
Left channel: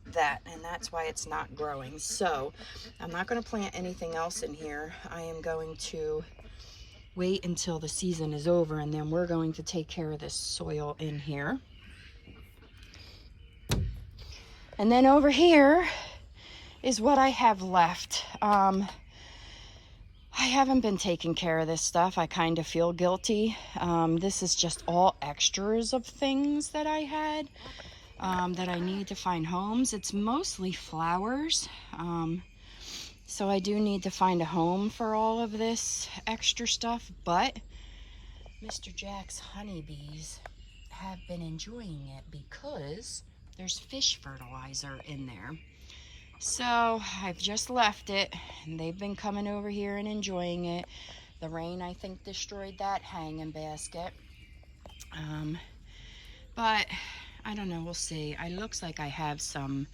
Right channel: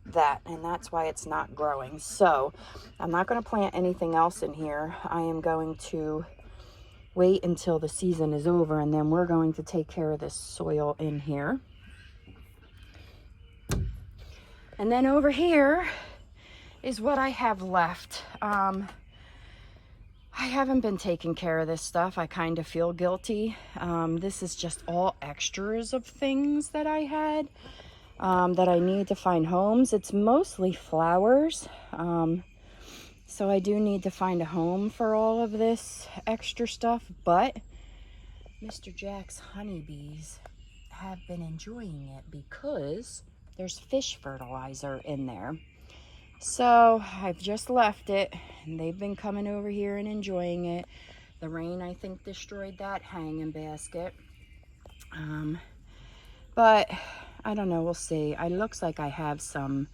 that, and that's why it's not growing. So I'm not going to plant anything else in here. I am going to wait until the season is over, and then we're going to take care of this soil in here. And then over here is what I have left. I haven't been taking care of this stuff. I kind of feel guilty. This is just all extras of things that I had that I need to find homes. It's mostly flowers. So I do need to find a home for all of this extra stuff, but Mr. Jack's honeybees have been enjoying it because there's fish fertilizer in there. So I've just left it, and they've been coming over here and enjoying it. The rain, I think, destroyed that hanging basket. But I don't know, we'll see. It looks like I have some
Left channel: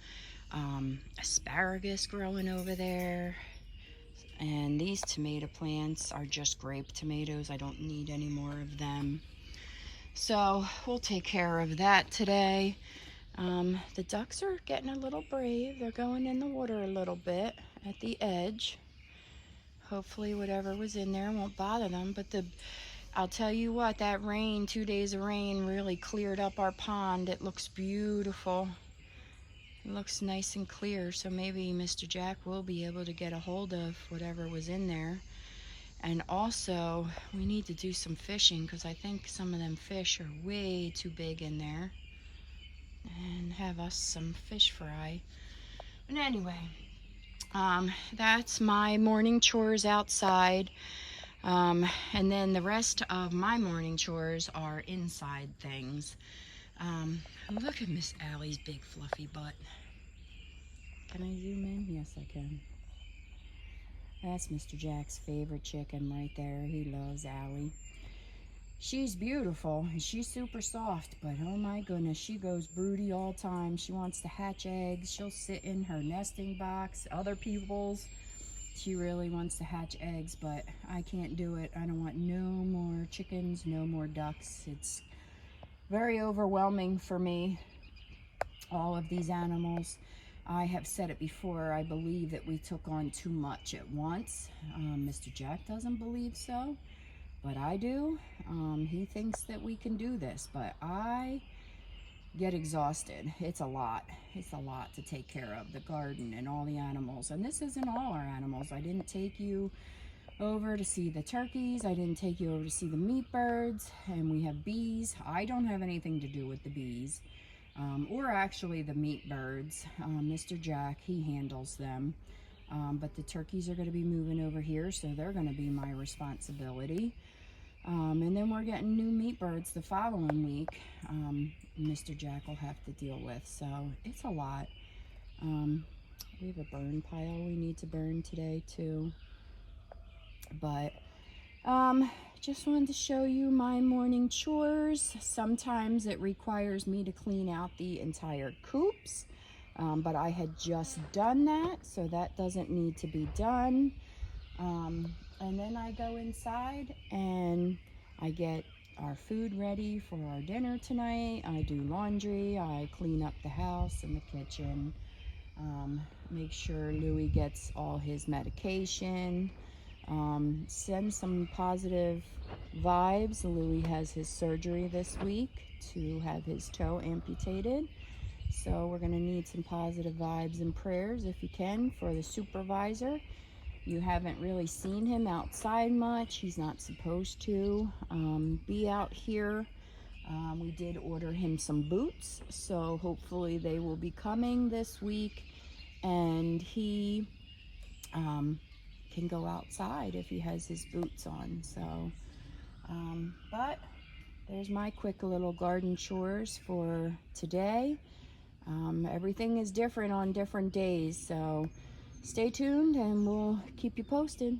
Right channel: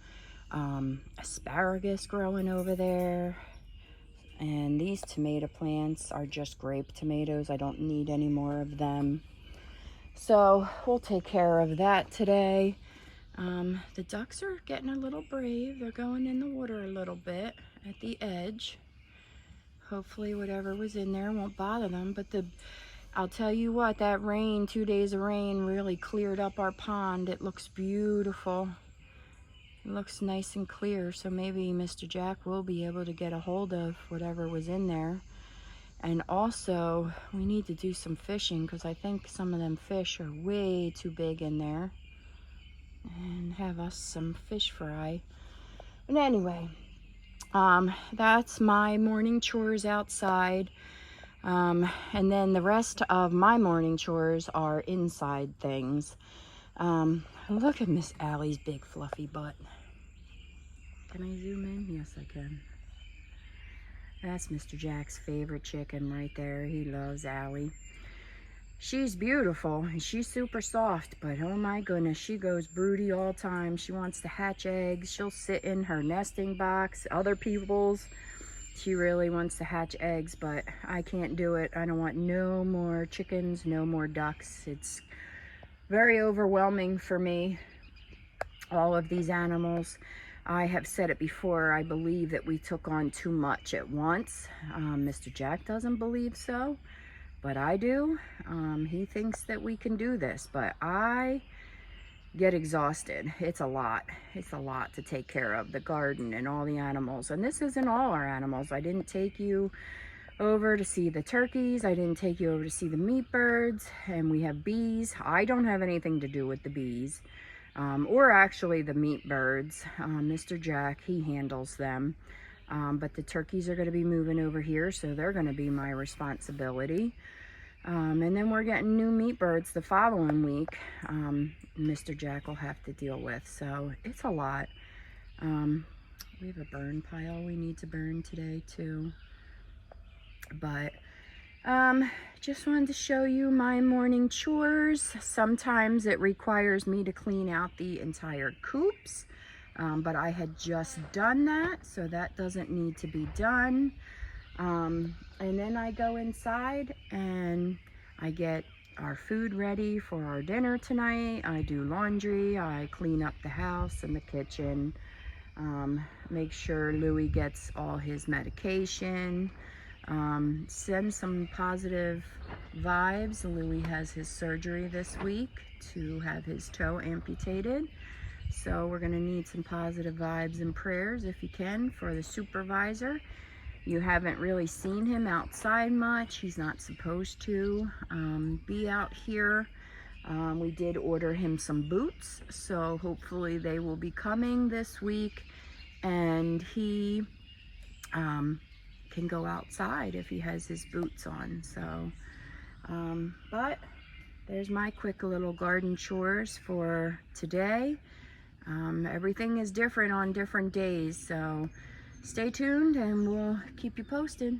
asparagus growing over there. And these tomato plants are just grape tomatoes. I don't need any more of them. So we'll take care of that today. The ducks are getting a little brave. They're going in the water a little bit at the edge. Hopefully whatever was in there won't bother them. But I'll tell you what, that rain, 2 days of rain, really cleared up our pond. It looks beautiful. It looks nice and clear. So maybe Mr. Jack will be able to get a hold of whatever was in there. And also, we need to do some fishing because I think some of them fish are way too big in there. And have us some fish fry. But anyway, that's my morning chores outside. And then the rest of my morning chores are inside things. Look at Miss Allie's big fluffy butt. Can I zoom in? Yes, I can. That's Mr. Jack's favorite chicken right there. He loves Allie. She's beautiful and she's super soft, but oh my goodness, she goes broody all the time. She wants to hatch eggs. She'll sit in her nesting box, other people's. She really wants to hatch eggs, but I can't do it. I don't want no more chickens, no more ducks. It's very overwhelming for me, all of these animals. I have said it before, I believe that we took on too much at once. Mr. Jack doesn't believe so. But I do. He thinks that we can do this, but I get exhausted. It's a lot. It's a lot to take care of, the garden and all the animals. And this isn't all our animals. I didn't take you over to see the turkeys. I didn't take you over to see the meat birds. And we have bees. I don't have anything to do with the bees, or actually the meat birds. Mr. Jack, he handles them. But the turkeys are going to be moving over here, so they're going to be my responsibility. And then we're getting new meat birds the following week. Mr. Jack will have to deal with, so it's a lot. We have a burn pile we need to burn today too. But just wanted to show you my morning chores. Sometimes it requires me to clean out the entire coops, but I had just done that, so that doesn't need to be done. And then I go inside and I get our food ready for our dinner tonight. I do laundry, I clean up the house and the kitchen, make sure Louis gets all his medication, send some positive vibes. Louis has his surgery this week to have his toe amputated. So we're gonna need some positive vibes and prayers, if you can, for the supervisor. You haven't really seen him outside much. He's not supposed to be out here. We did order him some boots, so hopefully they will be coming this week, and he can go outside if he has his boots on. So, but there's my quick little garden chores for today. Everything is different on different days, so stay tuned and we'll keep you posted.